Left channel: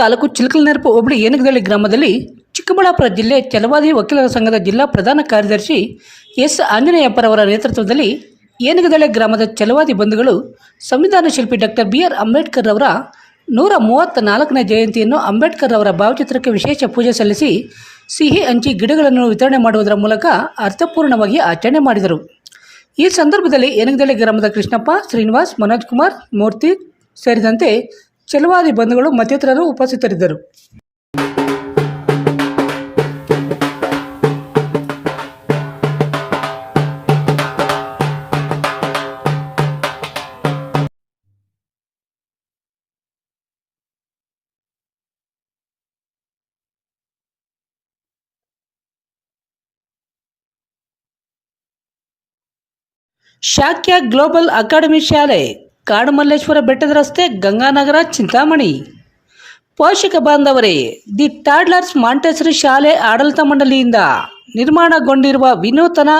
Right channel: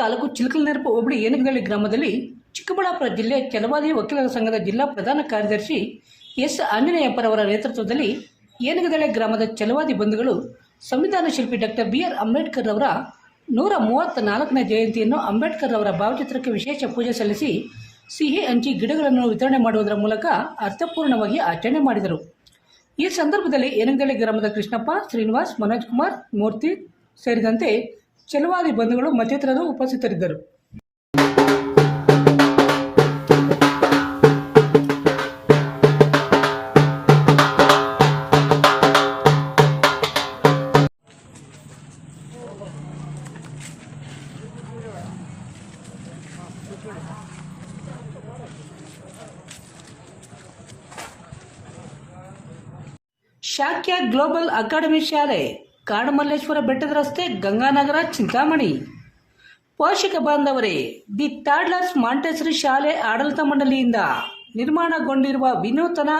ತಾಲೂಕು ಚಿಲಕಲನೆರಪು ಹೋಬಳಿ ಏನುಗದಳ್ಳಿ ಗ್ರಾಮದಲ್ಲಿ ಚಿಕ್ಕಬಳ್ಳಾಪುರ ಜಿಲ್ಲೆ ಛಲವಾದಿ ವಕೀಲರ ಸಂಘದ ಜಿಲ್ಲಾ ಪ್ರಧಾನ ಕಾರ್ಯದರ್ಶಿ ಎಸ್ ಆಂಜನೇಯಪ್ಪರವರ ನೇತೃತ್ವದಲ್ಲಿ ಏನುಗದಳ್ಳಿ ಗ್ರಾಮದ ಛಲವಾದಿ ಬಂಧುಗಳು ಸಂವಿಧಾನ ಶಿಲ್ಪಿ ಡಾಕ್ಟರ್ ಬಿ.ಆರ್. ಅಂಬೇಡ್ಕರ್ ಅವರ 134ನೇ ಜಯಂತಿಯನ್ನು ಅಂಬೇಡ್ಕರ್ ಅವರ ಭಾವಚಿತ್ರಕ್ಕೆ ವಿಶೇಷ ಪೂಜೆ ಸಲ್ಲಿಸಿ ಸಿಹಿ ಹಂಚಿ ಗಿಡಗಳನ್ನು ವಿತರಣೆ ಮಾಡುವುದರ ಮೂಲಕ ಅರ್ಥಪೂರ್ಣವಾಗಿ ಆಚರಣೆ ಮಾಡಿದರು. ಈ ಸಂದರ್ಭದಲ್ಲಿ ಏನುಗದಳ್ಳಿ ಗ್ರಾಮದ ಕೃಷ್ಣಪ್ಪ, ಶ್ರೀನಿವಾಸ್, ಮನೋಜ್ ಕುಮಾರ್, ಮೂರ್ತಿ ಸೇರಿದಂತೆ ಛಲವಾದಿ ಬಂಧುಗಳು ಮತ್ತಿತರರು ಉಪಸ್ಥಿತರಿದ್ದರು. ಶಾಕ್ಯ ಗ್ಲೋಬಲ್ ಅಕಾಡೆಮಿ ಶಾಲೆ, ಕಾಡುಮಲ್ಲೇಶ್ವರ ಬೆಟ್ಟದ ರಸ್ತೆ, ಗಂಗಾನಗರ, ಚಿಂತಾಮಣಿ. ಪೋಷಕ ಬಾಂಧವರೇ, ದಿ ಟಾಡ್ಲರ್ಸ್ ಮಾಂಟೆಸರಿ ಶಾಲೆ ಆಡಳಿತ ಮಂಡಳಿಯಿಂದ ನಿರ್ಮಾಣಗೊಂಡಿರುವ ವಿನೂತನ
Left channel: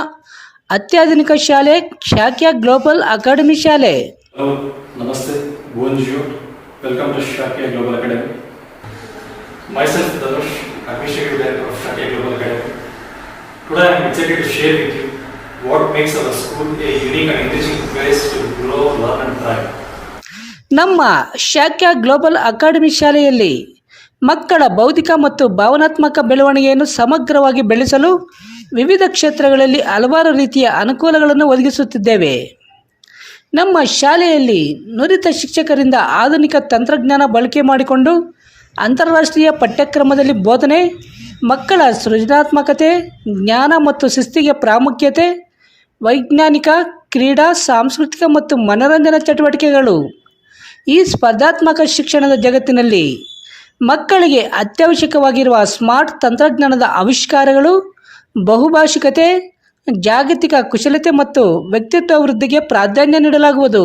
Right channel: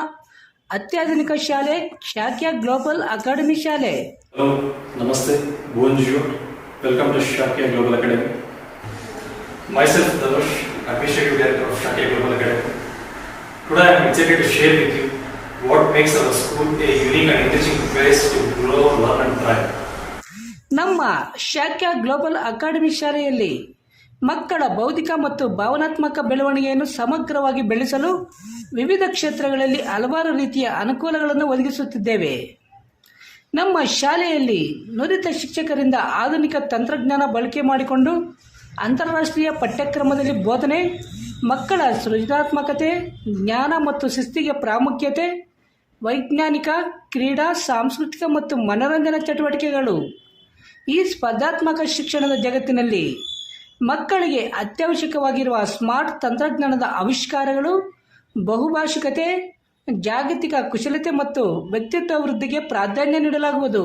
ಅತ್ಯಾಧುನಿಕ ಶಾಲೆ ಶಾಕ್ಯ ಗ್ಲೋಬಲ್ ಅಕಾಡೆಮಿ ಶಾಲೆ. Hello, Namaste, bonjour, welcome to Shakya Global Academy. Myself, Dhanush, Administrative Director of Shakya Global Academy. Today I am excited to share with you what makes our school a unique and enriching place to grow, learn and thrive. ನಮ್ಮ Shakya global academy ಶಾಲೆಯಲ್ಲಿ ಮಕ್ಕಳ ಬೌದ್ಧಿಕ ಮತ್ತು ಭಾವನಾತ್ಮಕ ಬೆಳವಣಿಗೆಯನ್ನು ಸಮಗ್ರವಾಗಿ ಬೆಳೆಸಲು ವಿವಿಧ ಕ್ಷೇತ್ರಗಳಲ್ಲಿ ಹಲವಾರು ರೀತಿಯ ಅನುಕೂಲಗಳನ್ನು ಒದಗಿಸುತ್ತಿದ್ದೇವೆ. ನಮ್ಮ ಶಾಲೆಯಲ್ಲಿ ನುರಿತ ಶಿಕ್ಷಕರಿಂದ ಆಧುನಿಕ ತಂತ್ರಜ್ಞಾನ ಬಳಕೆ ಮಾಡಿಕೊಂಡು ಅಂತಾರಾಷ್ಟ್ರೀಯ ಪಠ್ಯಕ್ರಮದಲ್ಲಿ ಬೋಧನೆ, ಮಕ್ಕಳ ಸೃಜನಾತ್ಮಕತೆ, ಜ್ಞಾನ ಮತ್ತು ಶಿಸ್ತಿಗೆ ಪ್ರಾಮುಖ್ಯತೆ, ವೈಜ್ಞಾನಿಕ, ಕ್ರೀಡಾ, ಸಾಂಸ್ಕೃತಿಕ ಮತ್ತು ಮನರಂಜನಾ ಚಟುವಟಿಕೆಗಳು. ಈ ಸ್ಪರ್ಧಾತ್ಮಕ ಶಿಕ್ಷಣದ ಜಗತ್ತಿನಲ್ಲಿ ಮಕ್ಕಳಿಗೆ ಅತ್ಯವಶ್ಯಕವಾಗಿರುವ ಸ್ಮಾರ್ಟ್ ತಂತ್ರಜ್ಞಾನದ ಆವಿಷ್ಕಾರಗಳು, ಬಹುಭಾಷಿಕತೆ, ಜಾಗತಿಕ ಕುಶಲತೆ ಮತ್ತು ವ್ಯಕ್ತಿತ್ವ ವೃದ್ಧಿಗೆ ಪ್ರಾಧಾನ್ಯ ನೀಡಲಾಗುವುದು.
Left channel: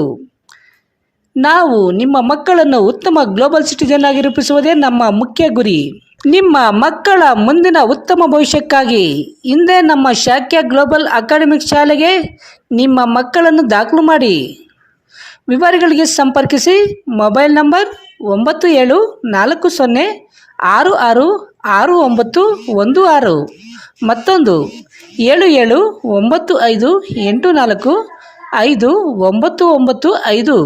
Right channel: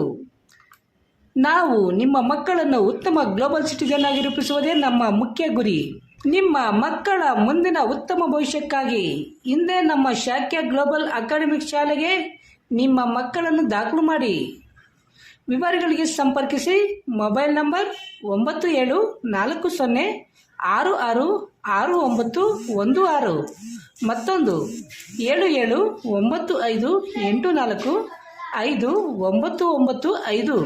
ನಾವು ನಿಮ್ಮ ಮಕ್ಕಳನ್ನು ಉತ್ತಮ ಗ್ಲೋಬಲ್ ಸಿಟಿಜನ್ ಆಗಿ ರೂಪಿಸುವುದೇ ನಮ್ಮ ಮುಖ್ಯ ಗುರಿ. ನಿಮ್ಮ ಮಕ್ಕಳ ಮುಂದಿನ ಉತ್ತಮ ಭವಿಷ್ಯಕ್ಕಾಗಿ ಹಿಂದೆ ನಮ್ಮ ಶಾಕ್ಯ ಗ್ಲೋಬಲ್ ಅಕಾಡೆಮಿಕ್ ಶಾಲೆಗೆ ನಿಮ್ಮ ಮಕ್ಕಳನ್ನು ದಾಖಲು ಮಾಡಿ. ವಿವರಗಳಿಗೆ ಸಂಪರ್ಕಿಸಿ. ಮೊಬೈಲ್ ನಂಬರ್ 9740666916, ಮತ್ತೊಂದು 7795845995.